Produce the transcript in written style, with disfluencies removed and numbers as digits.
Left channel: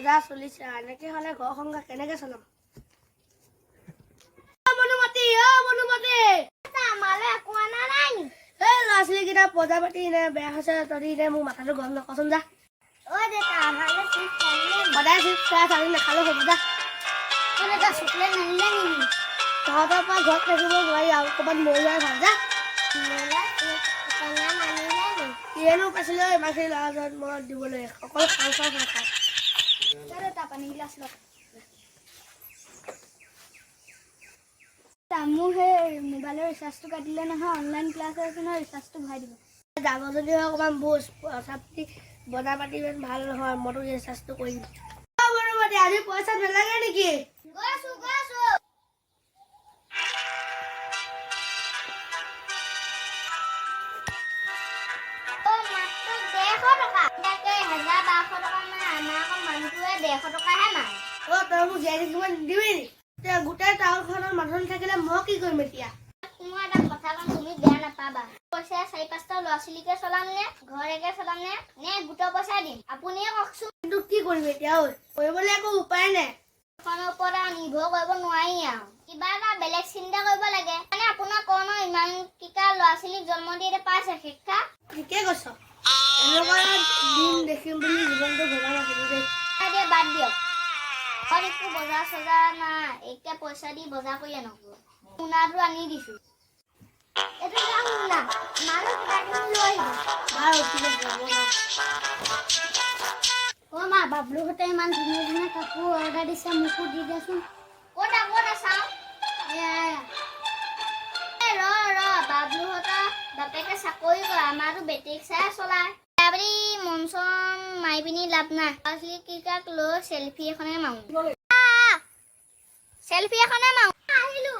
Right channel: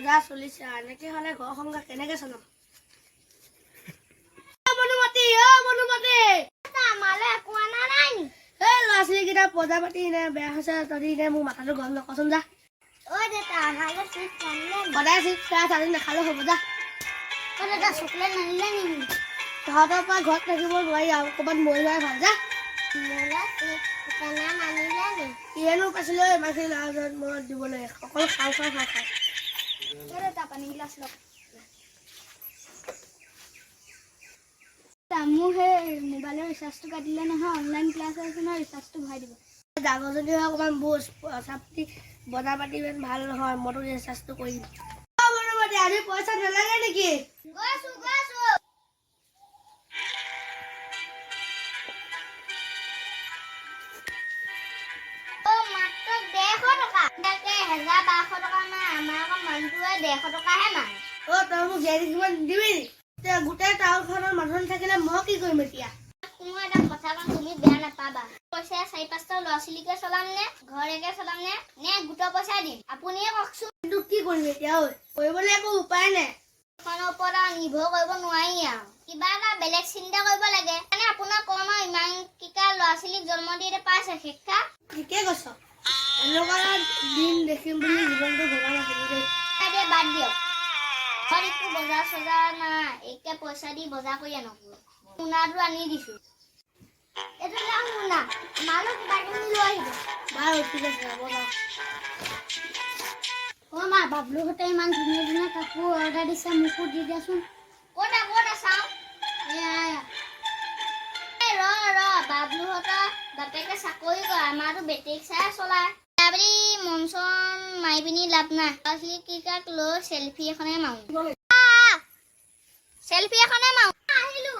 বজাৰ চলিছে এনেকে হলে ঘৰ সংসাৰ কেনেকে চলাম মনুমতি আমালে কোৱা নাই এই ল'ৰা ছোৱালীকেইটা পজা পাতি নে বেয়া হৈছে তহঁতি নে মোৰ মাথাটো গৰম নকচোন যা ঐ দেউতা আমালে চিপছ আনিলে সদায় চিপছ খাই নাখালেও হ'ব যা দেউতা চকলেট নানিলে নেকি তহঁতৰ পৰা ঘৰত থাকিব নোৱাৰি আৰু ক'ৰবাত মৰি যোৱাই ভাল যা কিয়েনো পাইছিলে ইমানখিনি ল'ৰা ছোৱালী মই দিবলৈ অকল খাওঁ দেউতা পানী গিলাচ লওক মোৰ সেই মোবাইলৰ ৰিচাৰ্জটো কাটিলে নহয় অনলাইন ক্লাছ আছে নহয় ৰিচাৰ্জটো ভৰাই দিব ডাঙৰ যদি হয় অকণমান বুজ পইচা পাতি বজাৰ পাতি ইমান ভাল নহয় মইতো ৰিচাৰ্জটো কৰি দিম আজি পইচা নালাগে নেকি তই মোক জীয়াই কিমান দিবি নি গোটেই টাউনখনৰ মানুহ থাকিলে মই কি কৰিম এতিয়া মই এটা কথা কম তুমি বেয়া নাপাবা পইচা 4-5টা ল'ৰা ছোৱালীকে চলাম নে ঘৰকে চলাম নে গোটৰ পইচা দিম আপুনিয়ে কওকচোন কিন্তু কি কৰিম এতিয়া কৰিবলৈ একো উপায় নাই খনৰ ওপৰত নিৰ্ভৰ কৰিব নোৱাৰি আৰু কিবা এটা বেলেগ চিন্তা কৰিব লাগে মানে আপোনাৰ কৰ্ম ইমান কিটা ল'ৰা ছোৱালীক জন্ম দি পাইছে শিক্ষা ঠিকে কৈছ এনেকুৱা দিন দেখিম বুলি জীৱনটো ভবা নাছিলো দেই বাদ দিয়ক একো বজাৰ চজাৰ নাই এতিয়া পইচা দি বজাৰ কৰি আনকো মোনাটো আনি দিছো মা বাবলুহঁতে ইমান ধুনীয়া ধুনীয়া কাপোৰ অৰ্ডাৰ দিছে মোকো দি দিয়াচোন ক'ত চাওঁ বাবলুহঁতৰ বাপেকে চাকৰি কৰে আমাৰতো বেটেৰী চাই চলায় বুলি মন চন মাৰি পিনি লাভ নাই ল'ৰা-ছোৱালীকেইটাক লৈ চেলফি এখনে মাৰো আহিলো